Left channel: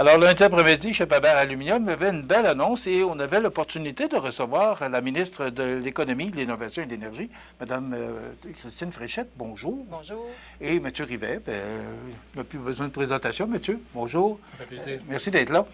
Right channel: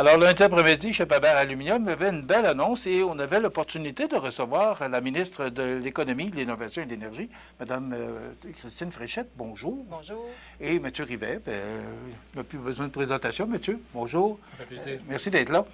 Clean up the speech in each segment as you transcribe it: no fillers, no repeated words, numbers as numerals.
Alors, lundi après-midi, chez Pabert Aluminium, il y avait une belle annonce et on avait l'opportunité de recevoir la ministre de l'Économie, de l'Innovation et de l'Énergie, Mme Christine Fréchette. Bonjour. Bonjour. Et M. Rivet. Il n'a plus besoin de présentation, monsieur. Bonjour. Ça fait plaisir. Merci d'être là.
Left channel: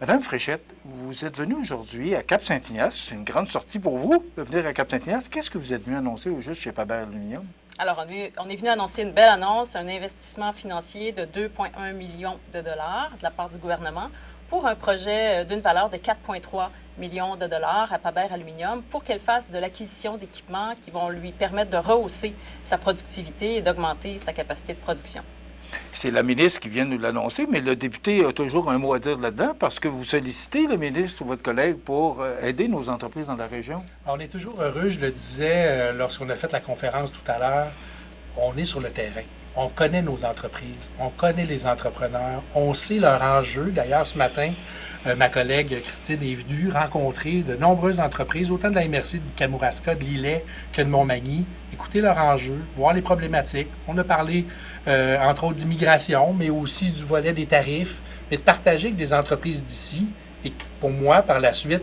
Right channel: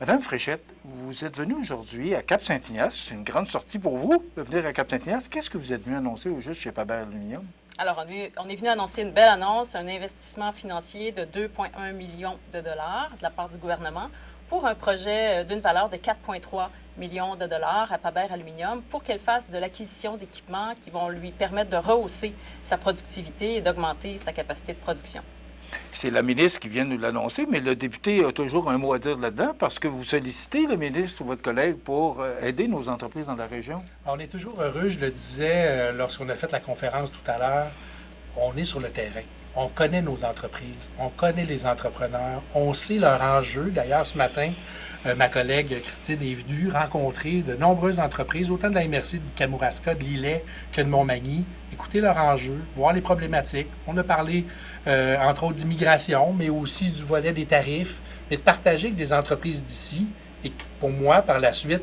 Madame Fréchette, vous êtes venue aujourd'hui à Cap-Saint-Ignace. C'est une grande sortie pour vous de venir à Cap-Saint-Ignace. Qu'est-ce que vous êtes venu annoncer au juste chez Pabert Aluminium? Alors, on est venu annoncer une belle annonce, un investissement financier de 2,1 millions de dollars de la part du gouvernement pour un projet d'une valeur de 4,3 millions de dollars à Pabert Aluminium pour qu'elle fasse de l'acquisition d'équipements qui vont lui permettre de rehausser sa productivité et d'augmenter sa capacité de production. C'est la ministre qui vient nous l'annoncer, mais le député a toujours un mot à dire là-dedans parce que vous sollicitez le ministre ou votre collègue pour aider nos entreprises dans la région. On est toujours heureux, je le disais lorsqu'on a fait la conférence tout à l'heure, on est sur le terrain. On connaît nos entreprises, on connaît les entrepreneurs, on sait leurs enjeux. D'ailleurs, ce matin, ma collègue Christine est venue rencontrer de nombreuses entreprises, autant de la MRC de Kamouraska, de Lillet que de Montmagny, écouter leurs enjeux, voir les problématiques. On a parlé, entre autres, d'immigration, mais aussi du volet des tarifs, mais de partager avec des entreprises d'ici. Et pour moi, par la suite,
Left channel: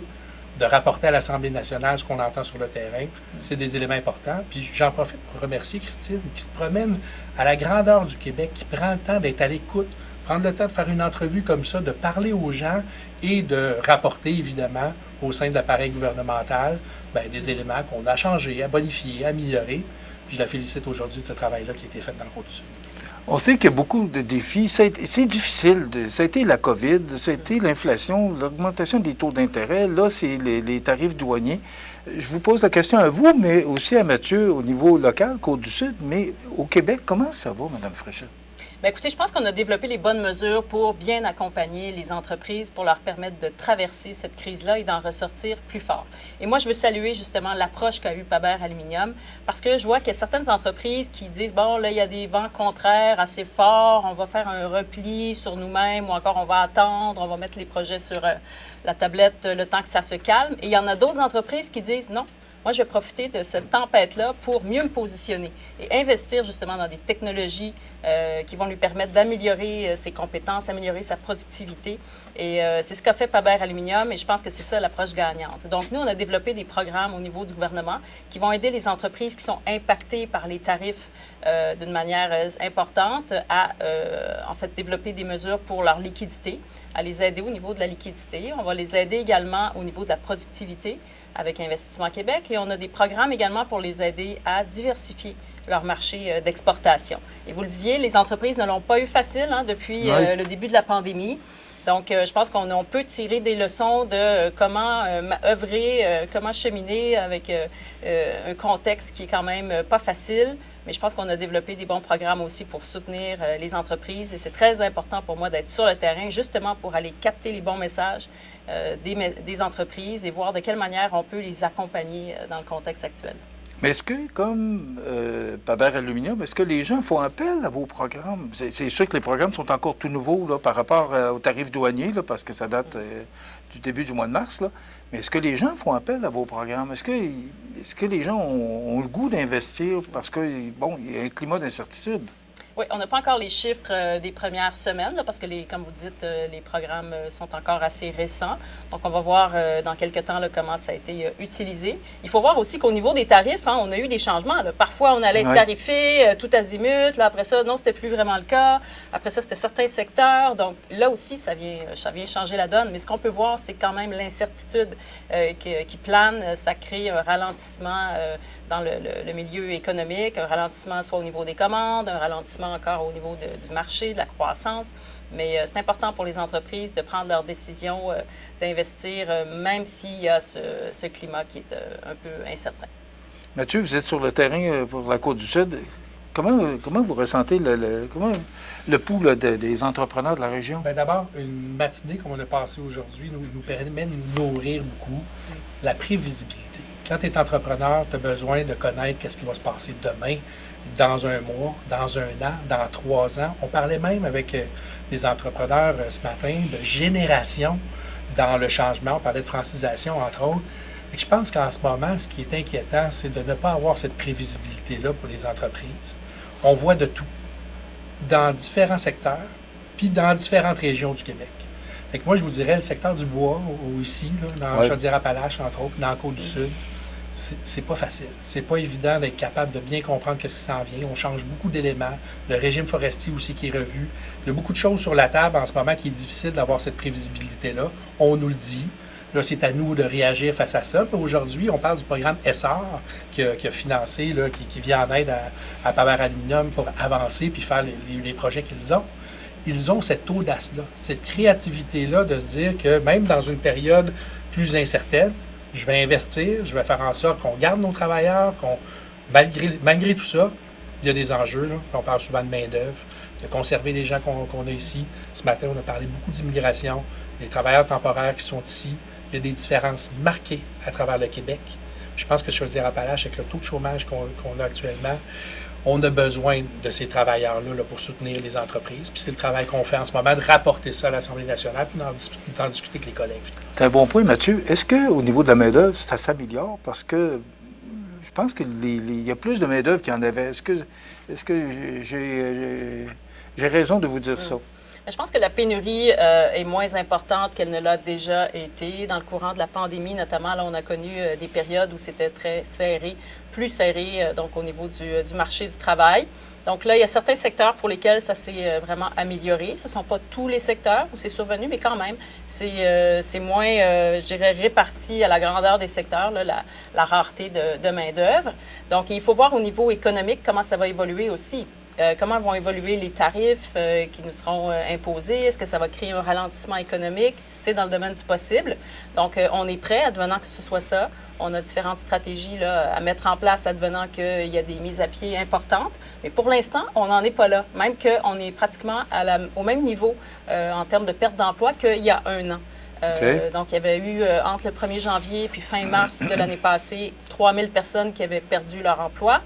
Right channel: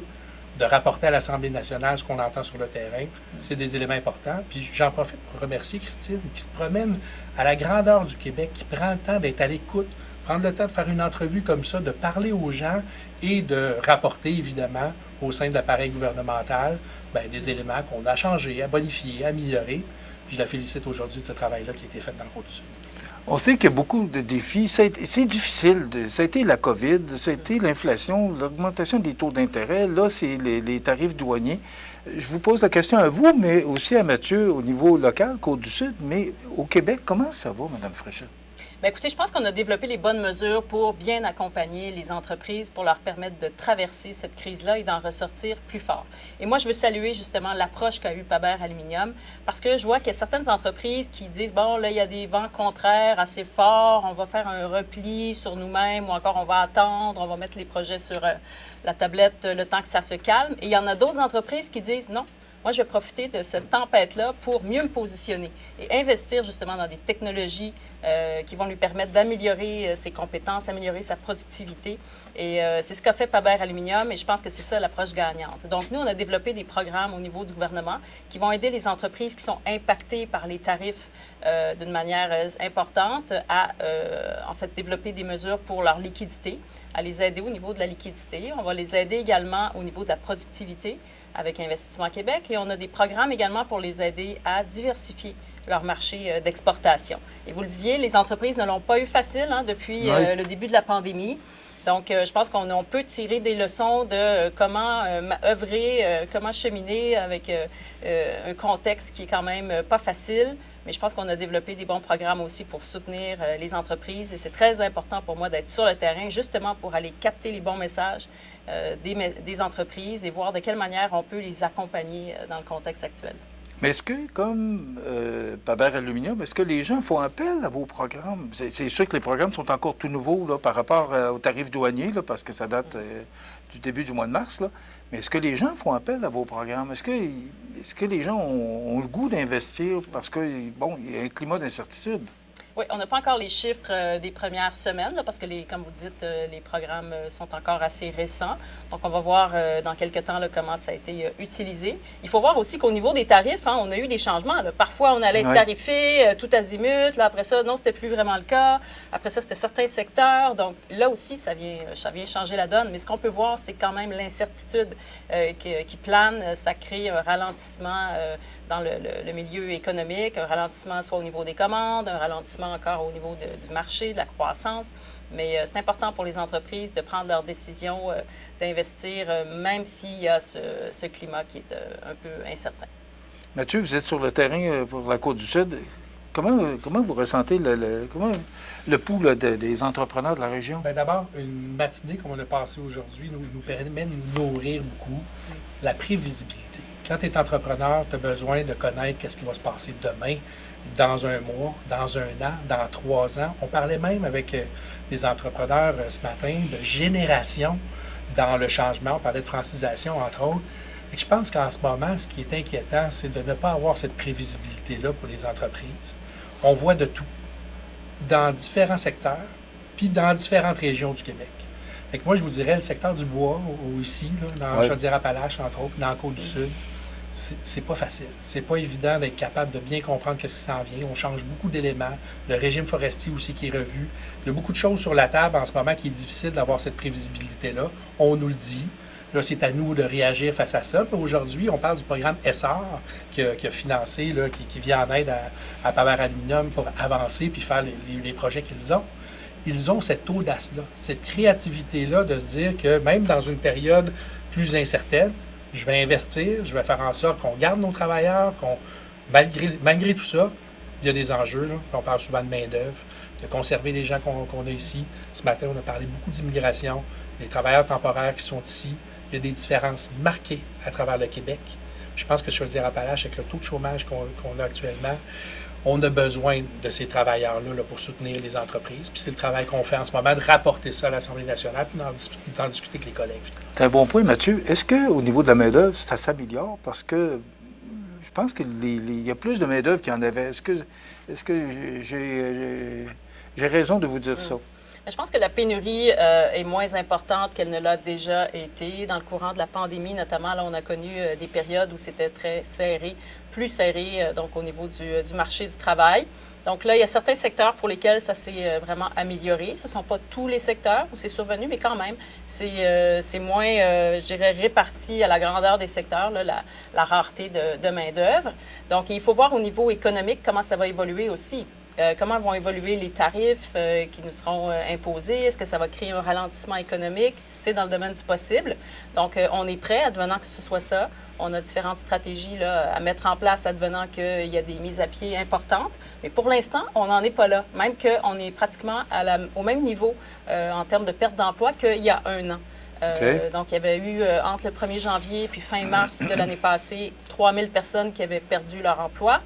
de rapporter à l'Assemblée nationale ce qu'on entend sur le terrain, c'est des éléments importants. Puis j'en profite pour remercier Christine, qui se promène à la grandeur du Québec, qui prend le temps d'être à l'écoute, prendre le temps de faire une entrevue comme ça, de parler aux gens et de rapporter, évidemment, au sein de l'appareil gouvernemental, des éléments qu'on a changés, à bonifier, à améliorer. Je la félicite aujourd'hui de ce travail-là qui a été fait dans le Côte-du-Sud. On sait qu'il y a beaucoup de défis. C'est difficile. Ça a été la COVID, ça a été l'inflation, l'augmentation des taux d'intérêt. Là, c'est les tarifs douaniers. Je vous pose la question à vous, mais aussi à Mathieu au niveau local, Côte-du-Sud. Mais au Québec, comment ça va, Mme Fréchette? Bien, écoutez, je pense qu'on a développé les bonnes mesures pour bien accompagner les entreprises, pour leur permettre de traverser cette crise-là et d'en ressortir plus fort. Et moi, je veux saluer justement l'approche qu'a eue Pabert Aluminium, parce que je vois qu'il y a certaines entreprises qui disent, bon, là, il y a des vents contraires assez forts, on va faire un repli sur nous-mêmes, ou encore on va attendre, on va mettre les projets sur la tablette le temps que ça se calme. Et il y en a d'autres entreprises qui disent, non, moi, je vais profiter de cette tempête-là pour mieux me positionner et investir justement dans des technologies qui vont lui permettre d'améliorer ses compétences, améliorer sa productivité. Et c'est ce qu'a fait Pabert Aluminium et je pense que c'est ça l'approche gagnante. Donc, nous, on a développé des programmes au niveau du gouvernement qui vont aider les entreprises qui sont impactées par les tarifs d'une manière importante à, en fait, développer des mesures pour leur liquidité, à les aider au niveau de la liquidité. On va les aider également au niveau de la productivité avec Investissement Québec et on a des programmes également pour les aider à diversifier leur marché d'exportation. Et vous le disiez, les entreprises ne l'ont pas eu facile depuis le début de la pandémie. Donc, je pense qu'on peut tirer des leçons de comment œuvrer, comment cheminer avec un contexte qui est quand même pas facile. Mais je pense qu'on a développé des bons programmes aussi pour soutenir les entreprises. Et c'est très important pour moi d'être sur le terrain, justement pour aller capter les bons messages des entreprises et voir de quelle manière on peut les accompagner dans le contexte actuel. Mais est-ce que, comme Pabert Aluminium, est-ce que les gens font appel à vos programmes? C'est sûr que les programmes sont encore tout nouveaux là, par rapport aux tarifs douaniers, là, parce que ça date du début du mois de mars. Là. Mais est-ce que les gens font appel à vos programmes? Est-ce que les gens ont le goût d'investir parce que, bon, il y a un climat d'incertitude? Oui, on n'a pas encore les chiffres des premières semaines, là, parce que, comme vous dites, les programmes sont encore assez récents. Donc, on va voir dans quelques temps là, comment ça a été utilisé. Il faut voir aussi qu'au niveau des tarifs, on a eu des changements. Là. Parfois, on allait tarifer tout azimut. Là, après ça, non, c'était plus vraiment le cas. Après ça, c'était certains secteurs. Donc, là aussi, ça vient changer la donne. Mais ce qu'on peut voir, c'est quand même l'incertitude qui plane. Ça crée un ralentissement dans le milieu économique, un ralentissement soit au niveau des commandes, un ralentissement encore au niveau du marché, de la croissance. Mais c'est important pour les entreprises de prendre leurs décisions, d'investir, même s'il y a ce climat qui est un peu incertain. Mathieu, vous êtes sur le terrain pour la Côte-du-Sud. Comment vous ressentez le pouls là, des entrepreneurs de la région? Bien, d'abord, une matinée comme on a passée aujourd'hui nous permet de nous nourrir beaucoup. La prévisibilité. Quand tu es entrepreneur, tu as besoin de connaître qu'est-ce qui va se passer demain, dans un mois, dans un an, dans 3 ans. On parlait même avec des entrepreneurs ce matin de génération dans le changement. On parlait de francisation, entre autres. Et je pense qu'en ce moment, ce qui est inquiétant, c'est de ne pas avoir cette prévisibilité-là pour les entreprises. On voit de tout, dans différents secteurs, puis dans différentes régions du Québec. Fait que moi, je vous dirais, le secteur du bois, ou ici, là, dans Ouais. Chaudière-Appalaches, entre autres, dans la Côte-du-Sud, c'est pas facile. C'est pas évident d'être capable de bien comprendre qu'est-ce qui s'en vient. On change beaucoup d'éléments. Le régime forestier aussi qui est revu. Il y a beaucoup de choses sur la table en ce moment qui est difficile d'avoir cette prévisibilité-là. On nous le dit. Là, c'est à nous de réagir face à ça. Puis aujourd'hui, on parle du programme ESSAR qui a financé, là, qui vient en aide à Pabert Aluminium pour avancer puis faire les projets qu'ils ont. Ils ont cette audace-là, cette créativité-là de se dire que même dans une période plus incertaine, je vais investir, je vais faire en sorte qu'on garde nos travailleurs, malgré tout ça, il y a des enjeux. Là. On parle souvent de main-d'œuvre, de conserver les gens qu'on a ici. Ce matin, on a parlé beaucoup d'immigration, des travailleurs temporaires qui sont ici. Il y a des différences marquées à travers le Québec. Je pense que Chaudière-Appalaches, avec le taux de chômage qu'on a actuellement, on a besoin de ces travailleurs-là là, pour soutenir les entreprises. Puis c'est le travail qu'on fait en ce moment, de rapporter ça à l'Assemblée nationale, puis d'en discuter avec les collègues. C'est un bon point, Mathieu. Est-ce qu'au niveau de la main-d'œuvre, ça s'améliore? Parce que je pense qu'il y a plus de main-d'œuvre qu'il y en avait. Est-ce que j'ai raison de vous dire ça? Je pense que la pénurie est moins importante qu'elle ne l'a déjà été. Dans le courant de la pandémie, notamment, là, on a connu des périodes où c'était très serré, plus serré donc au niveau du marché du travail. Donc là, il y a certains secteurs pour lesquels ça s'est vraiment amélioré. Ce ne sont pas tous les secteurs où c'est survenu, mais quand même, c'est moins, je dirais, réparti à la grandeur des secteurs, là, la rareté de main-d'œuvre. Donc, il faut voir au niveau économique comment ça va évoluer aussi. Comment vont évoluer les tarifs qui nous seront imposés? Est-ce que ça va créer un ralentissement économique? C'est dans le domaine du possible. Donc, on est prêt, advenant que ce soit ça. On a différentes stratégies là, à mettre en place, advenant qu'il y a des mises à pied importantes. Mais pour l'instant, on n'en est pas là. Même qu'on est pratiquement au même niveau en termes de perte d'emploi qu'il y a un an. Okay. Donc, il y avait eu, entre le 1er janvier puis fin mars de l'année passée, 3000 personnes qui avaient perdu leur emploi.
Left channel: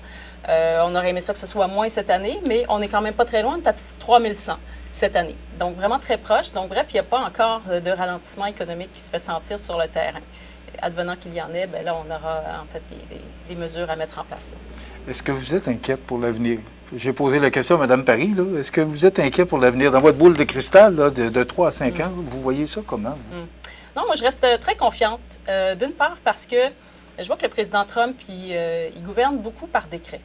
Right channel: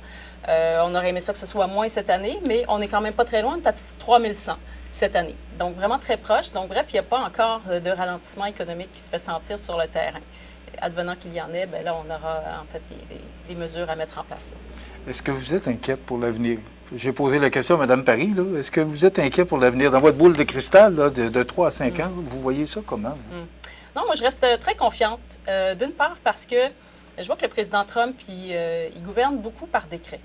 On aurait aimé ça que ce soit moins cette année, mais on n'est quand même pas très loin, on est à 3100 cette année. Donc, vraiment très proche. Donc, bref, il n'y a pas encore de ralentissement économique qui se fait sentir sur le terrain. Advenant qu'il y en ait, bien là, on aura en fait des mesures à mettre en place. Est-ce que vous êtes inquiète pour l'avenir? J'ai posé la question à Mme Paris. Là. Est-ce que vous êtes inquiet pour l'avenir? Dans votre boule de cristal là, de 3 à 5 ans, vous voyez ça comment? Non, moi, je reste très confiante. D'une part, parce que je vois que le président Trump, il gouverne beaucoup par décret.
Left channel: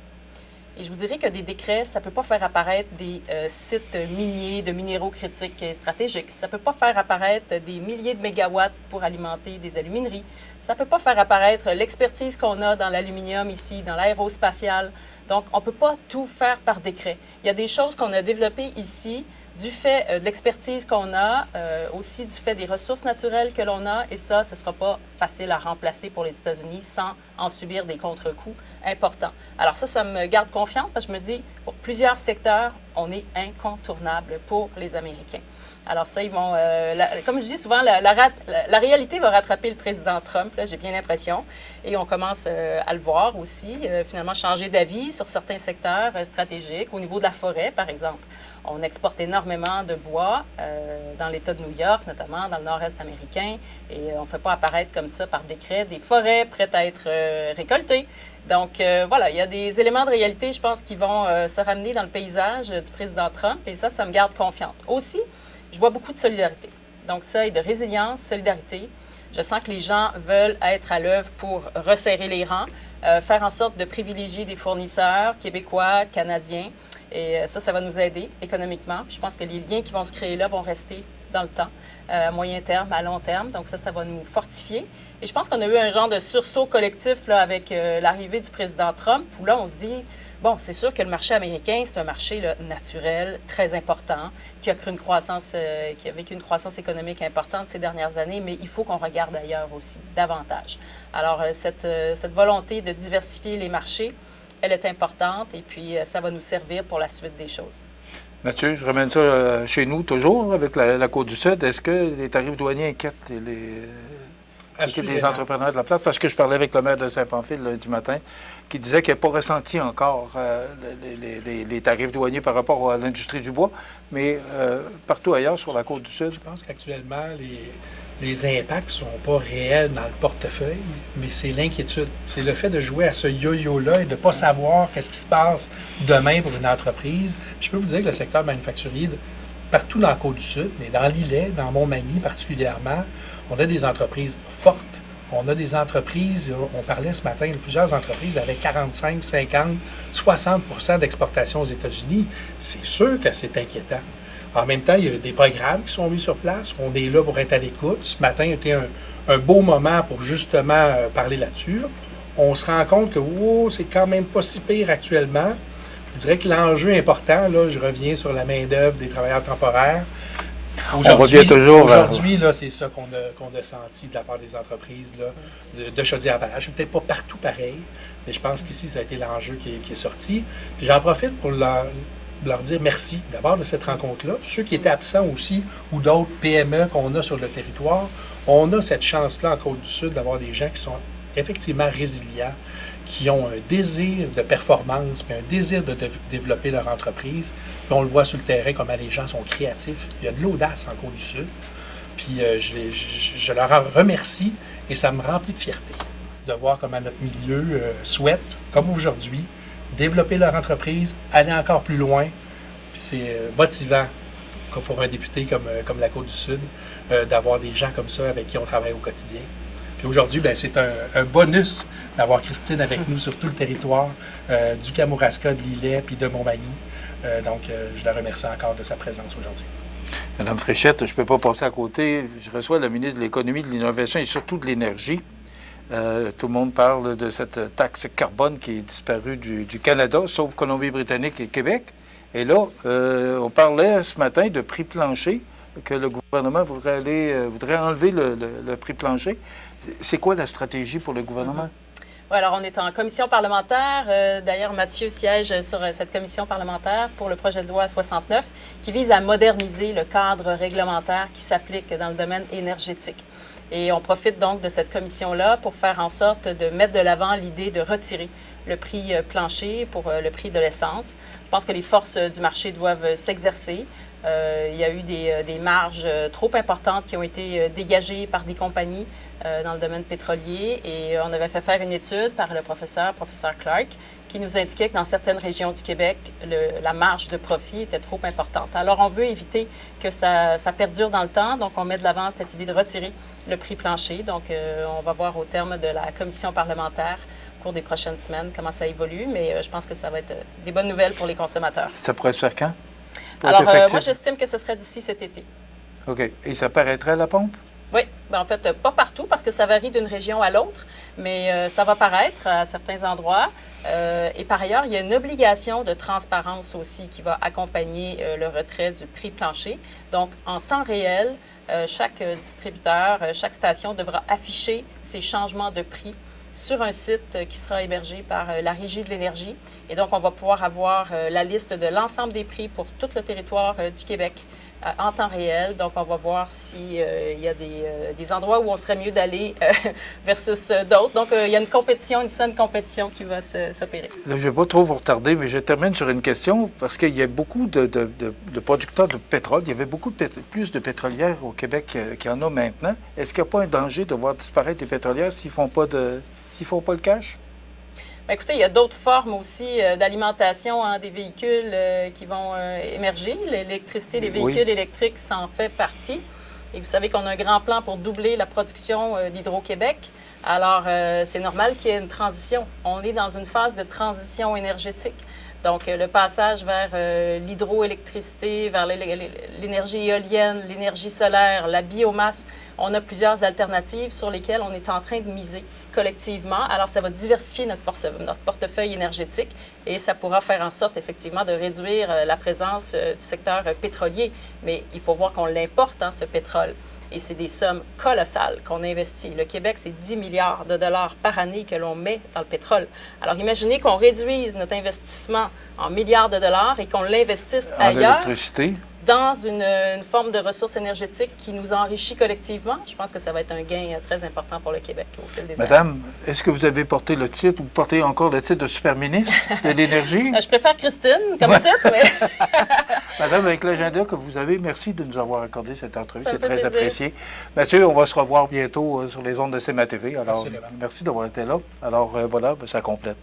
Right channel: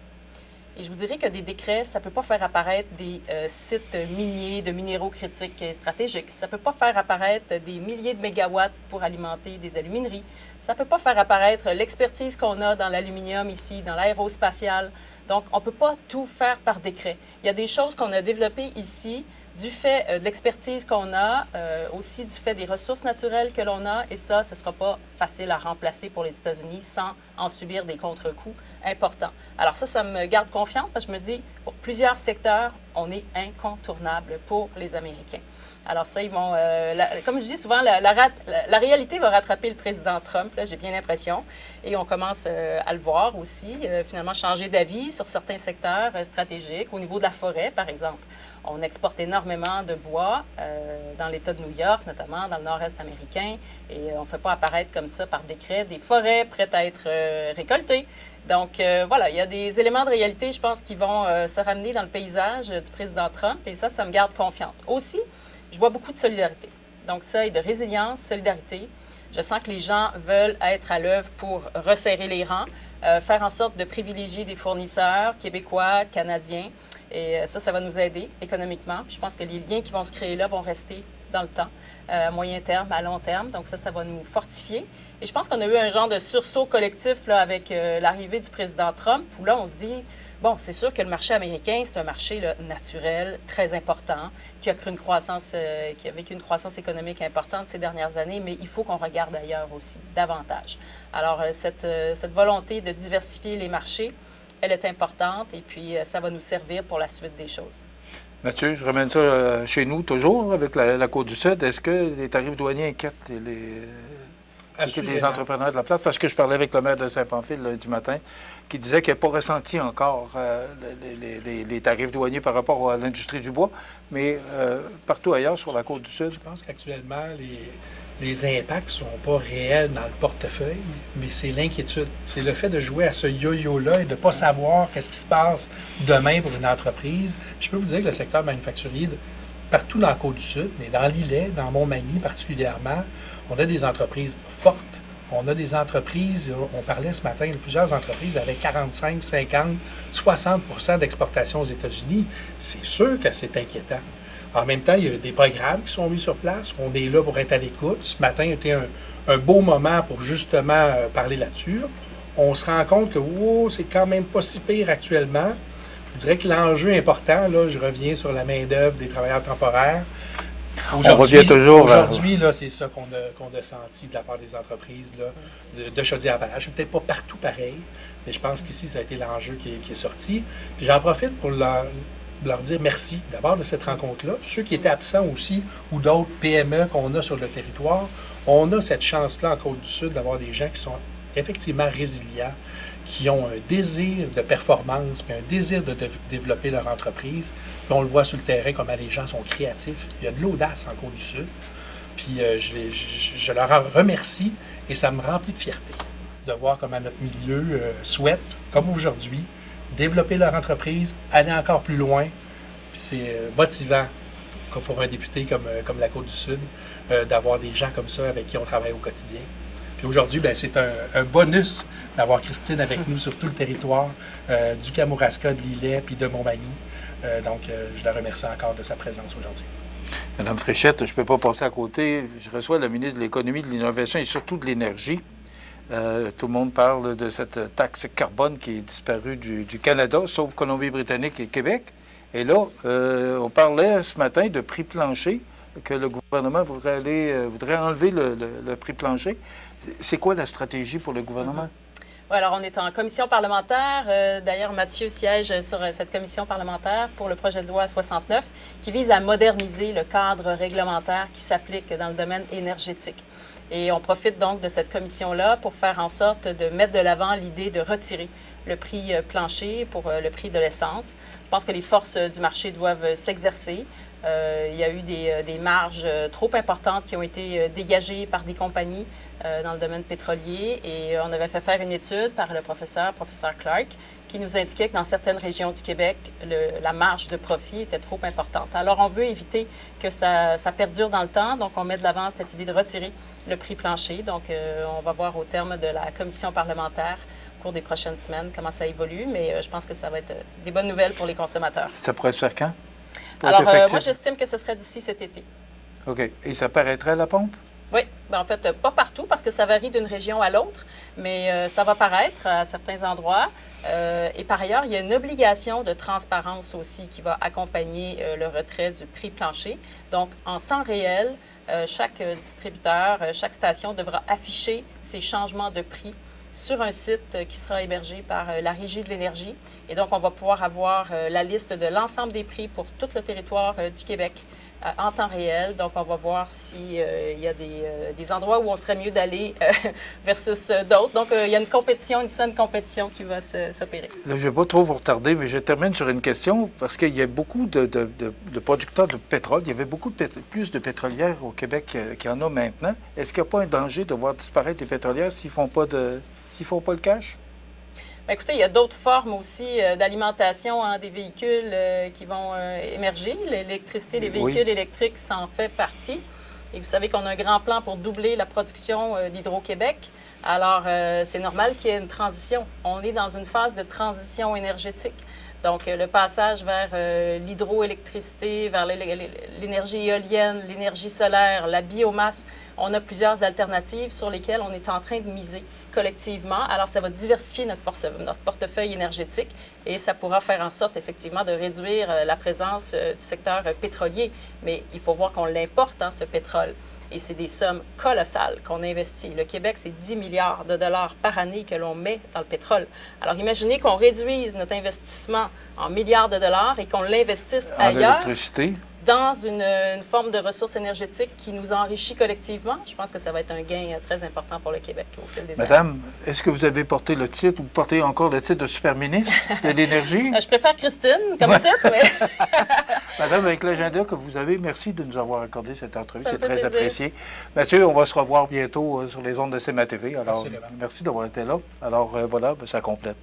Et je vous dirais que des décrets, ça ne peut pas faire apparaître des sites miniers de minéraux critiques et stratégiques. Ça ne peut pas faire apparaître des milliers de mégawatts pour alimenter des alumineries. Ça ne peut pas faire apparaître l'expertise qu'on a dans l'aluminium ici, dans l'aérospatial. Donc, on ne peut pas tout faire par décret. Il y a des choses qu'on a développées ici du fait de l'expertise qu'on a, aussi du fait des ressources naturelles que l'on a, et ça, ce ne sera pas facile à remplacer pour les États-Unis sans en subir des contre-coups importants. Alors ça me garde confiante parce que je me dis, pour plusieurs secteurs, on est incontournable pour les Américains. Alors ça, ils vont, comme je dis souvent, la réalité va rattraper le président Trump, là, j'ai bien l'impression, et on commence à le voir aussi, finalement changer d'avis sur certains secteurs stratégiques, au niveau de la forêt, par exemple. On exporte énormément de bois dans l'État de New York, notamment dans le nord-est américain, et on ne fait pas apparaître comme ça par décret des forêts prêtes à être récoltées. Donc voilà, il y a des éléments de réalité, je pense, qui vont se ramener dans le paysage du président Trump, et ça me garde confiante. Aussi, je vois beaucoup de solidarité. Donc ça, et de résilience, solidarité. Je sens que les gens veulent être à l'œuvre pour resserrer les rangs, faire en sorte de privilégier des fournisseurs québécois, canadiens. Et ça va nous aider économiquement. Puis je pense que les liens qui vont se créer là vont rester dans le temps, à moyen terme, à long terme. Donc ça va nous fortifier. Et je pense qu'on a eu un genre de sursaut collectif là, avec l'arrivée du président Trump, où là, on se dit, bon, c'est sûr que le marché américain, c'est un marché là, naturel, très important, qui a vécu une croissance économique importante ces dernières années, mais il faut qu'on regarde ailleurs aussi, davantage. Alors, cette volonté de diversifier les marchés, elle est importante et puis ça va nous servir pour la suite des choses. Mathieu, je ramène ça chez nous toujours avec la Côte-du-Sud. Est-ce que les tarifs douaniers inquiètent les entrepreneurs de la place? Parce que je parlais avec le maire de Saint-Pamphile lundi matin qui disait qu'il n'a pas ressenti encore les tarifs douaniers par rapport à l'industrie du bois, mais partout ailleurs sur la Côte-du-Sud. Je pense qu'actuellement, les impacts ne sont pas réels dans le portefeuille, mais c'est l'inquiétude. C'est le fait de jouer à ce yo-yo-là et de ne pas savoir qu'est-ce qui se passe demain pour une entreprise. Je peux vous dire que le secteur manufacturier partout dans la Côte-du-Sud, mais dans l'Îlet, dans Montmagny particulièrement, on a des entreprises fortes. On a des entreprises, on parlait ce matin, plusieurs entreprises avec 45, 50, 60 d'exportation aux États-Unis. C'est sûr que c'est inquiétant. En même temps, il y a des programmes qui sont mis sur place. On est là pour être à l'écoute. Ce matin était un beau moment pour justement parler là-dessus. On se rend compte que c'est quand même pas si pire actuellement. Je dirais que l'enjeu important, là, je reviens sur la main-d'œuvre des travailleurs temporaires. On revient toujours. Aujourd'hui, c'est ça qu'on a senti de la part des entreprises là, de Chaudière-Appalaches. Peut-être pas partout pareil, mais je pense qu'ici, ça a été l'enjeu qui est sorti. Puis j'en profite pour leur dire merci d'abord de cette rencontre-là. Ceux qui étaient absents aussi, ou d'autres PME qu'on a sur le territoire, on a cette chance-là en Côte-du-Sud d'avoir des gens qui sont effectivement résilients, qui ont un désir de performance, puis un désir de développer leur entreprise. Puis on le voit sur le terrain, comment les gens sont créatifs. Il y a de l'audace en Côte-du-Sud. Puis je leur remercie et ça me remplit de fierté de voir comment notre milieu souhaite, comme aujourd'hui, développer leur entreprise, aller encore plus loin. Puis c'est motivant pour un député comme la Côte-du-Sud d'avoir des gens comme ça avec qui on travaille au quotidien. Puis aujourd'hui, c'est un bonus d'avoir Christine avec nous sur tout le territoire du Kamouraska, de l'Îlet puis de Montmagny. Donc, je la remercie encore de sa présence aujourd'hui. Madame Fréchette, je ne peux pas passer à côté. Je reçois la ministre de l'Économie, de l'Innovation et surtout de l'Énergie. Tout le monde parle de cette taxe carbone qui est disparue du Canada, sauf Colombie-Britannique et Québec. Et là, on parlait ce matin de prix plancher, que le gouvernement voudrait enlever le prix plancher. C'est quoi la stratégie pour le gouvernement? Oui, alors on est en commission parlementaire. D'ailleurs, Mathieu siège sur cette commission parlementaire pour le projet de loi 69 qui vise à moderniser le cadre réglementaire qui s'applique dans le domaine énergétique. Et on profite donc de cette commission-là pour faire en sorte de mettre de l'avant l'idée de retirer le prix plancher pour le prix de l'essence. Je pense que les forces du marché doivent s'exercer. Il y a eu des marges trop importantes qui ont été dégagées par des compagnies dans le domaine pétrolier et on avait fait faire une étude par le professeur Clark, qui nous indiquait que dans certaines régions du Québec, la marge de profit était trop importante. Alors, on veut éviter que ça perdure dans le temps, donc on met de l'avant cette idée de retirer le prix plancher. Donc, on va voir au terme de la commission parlementaire au cours des prochaines semaines comment ça évolue, mais je pense que ça va être des bonnes nouvelles pour les consommateurs. Ça pourrait se faire quand? Alors, moi, j'estime que ce serait d'ici cet été. OK. Et ça paraîtrait à la pompe? Oui, en fait, pas partout parce que ça varie d'une région à l'autre, mais ça va paraître à certains endroits. Et par ailleurs, il y a une obligation de transparence aussi qui va accompagner le retrait du prix plancher. Donc, en temps réel, chaque distributeur, chaque station devra afficher ces changements de prix sur un site qui sera hébergé par la Régie de l'énergie. Et donc, on va pouvoir avoir la liste de l'ensemble des prix pour tout le territoire du Québec en temps réel. Donc, on va voir s'il y a des endroits où on serait mieux d'aller versus d'autres. Donc, il y a une saine compétition qui va s'opérer. Je ne vais pas trop vous retarder, mais je termine sur une question parce qu'il y a beaucoup de producteurs de pétrole. Il y avait plus de pétrolières au Québec qu'il y en a maintenant. Est-ce qu'il n'y a pas un danger de voir disparaître les pétrolières s'ils ne font pas le cash? Bien, écoutez, il y a d'autres formes aussi d'alimentation des véhicules qui vont émerger. L'électricité des véhicules électriques, ça en fait partie. Et vous savez qu'on a un grand plan pour doubler la production d'Hydro-Québec. Alors, c'est normal qu'il y ait une transition. On est dans une phase de transition énergétique. Donc, le passage vers l'hydroélectricité, vers l'énergie éolienne, l'énergie solaire, la biomasse, on a plusieurs alternatives sur lesquelles on est en train de miser collectivement. Alors, ça va diversifier notre portefeuille énergétique et ça pourra faire en sorte, effectivement, de réduire la présence du secteur pétrolier. Mais il faut voir qu'on l'importe, ce pétrole. Et c'est des sommes colossales qu'on investit. Le Québec, c'est 10 milliards de dollars par année que l'on met dans le pétrole. Alors, imaginez qu'on réduise notre investissement en milliards de dollars et qu'on l'investisse ailleurs dans une forme de ressources énergétiques qui nous enrichit collectivement. Je pense que ça va être un gain très important pour le Québec au fil des années. Madame, est-ce que vous avez porté le titre ou portez encore le titre de super-ministre de l'Énergie? Je préfère Christine comme titre, mais... Madame, avec l'agenda que vous avez, merci de nous avoir accordé cette entrevue. C'est très plaisir. Apprécié. Mathieu, on va se revoir bientôt sur les ondes de CMA TV. Alors, merci d'avoir été là. Alors, voilà, ça complète.